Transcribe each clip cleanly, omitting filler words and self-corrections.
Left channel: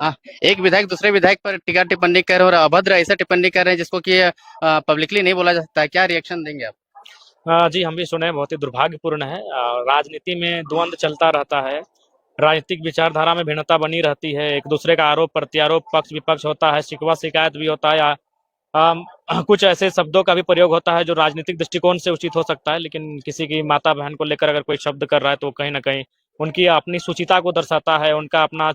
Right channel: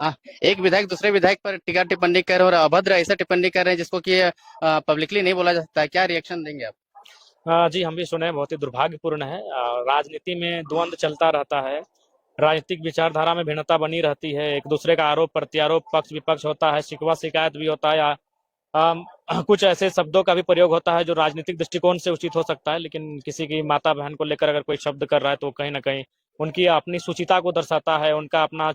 आ, एक विधायक दूसरे विधायक पर टीका टिप्पणी कर रहे हैं और अभद्र ऐसे टिप्पणी कर रहे हैं जिसको कि पब्लिकली नहीं बोला जा सकता है। क्या रिएक्शन देंगे आप? जी, हम भी सुने, बहुत ही दुर्भाग्यपूर्ण है। राजनीति में द्वंद चलता रहता है, राजनीतिक विचारधारा में भिन्नता बनी रहती है, एक दूसरे का आरोप प्रत्यारोप, पक्ष विपक्ष होता है, शिकवा शिकायत भी होता है। अम, कुछ ऐसे शब्दों का भी प्रयोग होता है जो राजनीतिक दृष्टिकोण से उचित हो सकता है, लेकिन किसी की माता बहन को लेकर अगर कोई शब्द कर रहा है तो कहीं ना कहीं उनकी अपनी सुचिता को दर्शाता है, उनका अपना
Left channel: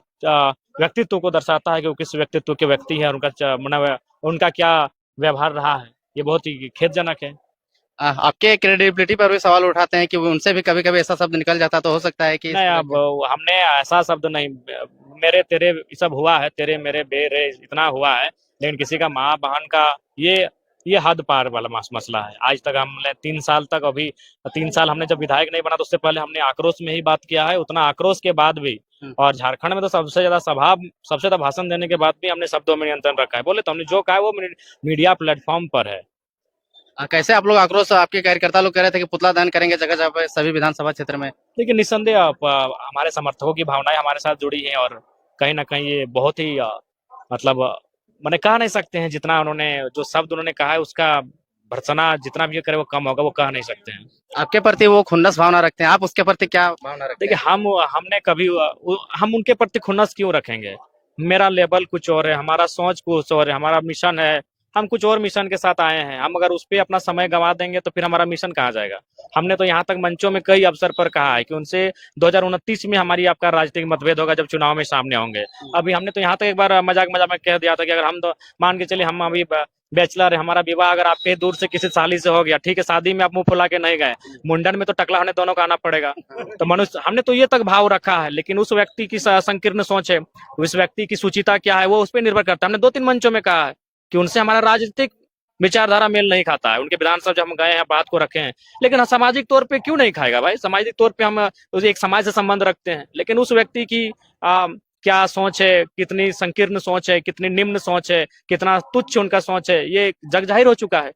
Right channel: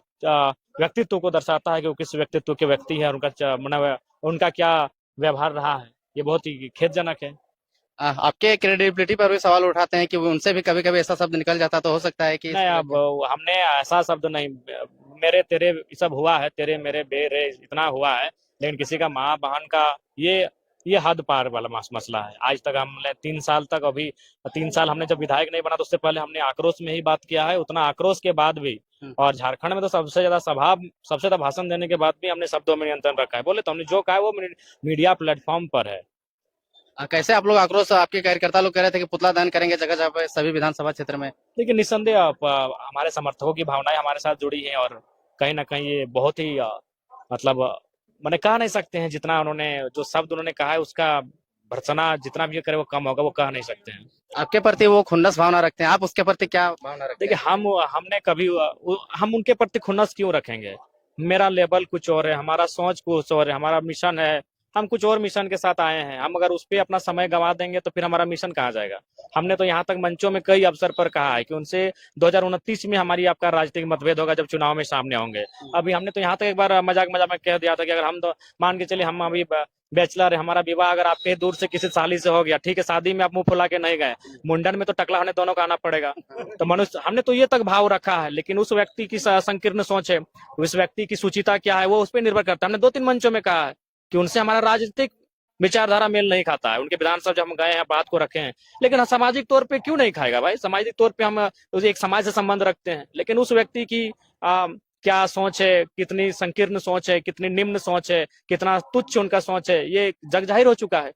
व्यक्तित्व को दर्शाता है कि वो किस व्यक्तित्व के व्यक्ति है, उनका मतलब उनका क्या व्यवहार रहा है। ये बहुत ही खेदजनक है। आपके क्रेडिबिलिटी पर भी सवाल उठाते हैं कि वो उनसे भी कभी कभी ऐसा शब्द निकल जाता तो हो सकता है कि इस नहीं, वजह अब से। हमने ऐसा शब्द नहीं, मेरे तेरे ये सब हुआ है, तेरे मेरे बेरे इतना हुआ है, लेकिन किसी का माँ बहन का ये ये हद पार वाला मसला है। आज तक हमने 3 साल तक, अभी 3 साल हमने जब विधायक नहीं बना तो उससे पहले हमने आक्रोश में ही बात किया है, उतना आक्रोश के बाद भी। हम्म। और झारखंड में तो सबसे ज्यादा भाषण देने के बाद भी हमने शब्दों में नियंत्रण रखा है। बोले तो हमने जो कहा है वो मीडिया प्लेटफॉर्म पर है। कैसे आप लोग आक्रोश, आपके कार्यकर्ता लोग कह रहे थे कि पुतला दहन करेंगे जगह जगह पे सभी विधानसभा क्षेत्र में। लेकिन निस्संदेह हमारे समर्थकों की भावनाएं हमारे साथ जुड़ी हैं, और कहीं ना कहीं ये बहुत ही मतलब मैंने कह नहीं सकते हैं, जितना उन्होंने जो शब्द उन्होंने कहा है उसका भर्त्सना जितना भी करे वो कम होगा, वो कह नहीं सकते हैं। आपके प्रति वो खुन्नस भावना रखते हैं, आप उसके प्रति क्या भावना रखते देखिए, हैं? हमने कभी हम उनके प्रति खुन्नस क्यों रखेंगे? मेरा लेवल कुछ और है, हमारा सोच कुछ और है, हमारा मिशन है, हम कुछ और मिशन के साथ आए हैं। हम अगर उस पे अपना समय गंवा देंगे तो फिर हमारा मिशन कहाँ जाएगा? हमने तो यहाँ तक मंचों में कई अवसर पर कहा है कि उनसे 2029 में हमारी आपका राजनीतिक मतभेद होगा जब चुनाव में सामने होंगे। अभी हमने तो यहाँ तक एक बार मजाक मजाक में कह दिया था कि अगर हम तो मान के चलिए, हम अभी बैचलर है, हमारा विवाह अगर आपके दूर से किसी साली से हो गया, ठीक है, शादी में आप मुंह फुला के नहीं गए, मुंडन में तो टकला होने दोनों का आना पड़ेगा। तो मनुष्य, हमने तो ये तक भाव रखा है, लेकिन उस व्यक्ति की संकीर्ण सोच है, उस व्यक्ति की सुचिता क्या है, वो उस पर निर्भर करता है। हमने 2-3 मंचों में कहा है कि उनसे हमारा राजनीतिक विचारधारा मेल नहीं खाता है, उनके विधानसभा जब हम गए हैं बात को रखे हैं, लेकिन सामाजिक तौर पे क्यों नहीं खाएगा भाई? सामाजिक तौर पे हम एक समाज से संबंध रखते हैं, लेकिन उस व्यक्ति की क्या सोच है, कितनी संकीर्ण सोच है, कितनी निम्न सोच है, कितना तुच्छ उनका सोच है, ये जग जाहिर हो चुका है।